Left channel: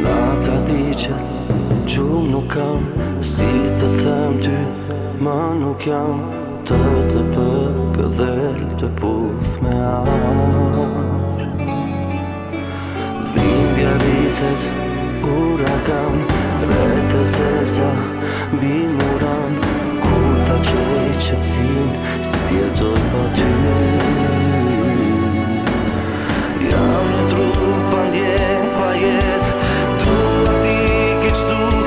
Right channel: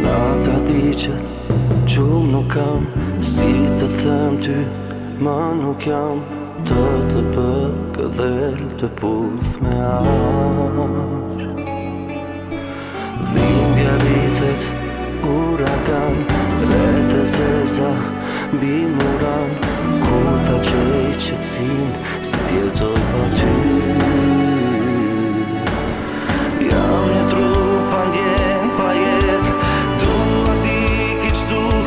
Nata diqet, gjumë nuk kam, si të them ty, ma nuk jam, të përgëdhel të puth me ash. Dhimbja rritet, uragan, rreth e zeza, mbi muran, kur ta qej qetsin, si t'jetoj pa ty. Jam një trup pa ndjen, pa jet, dua ti ki qdu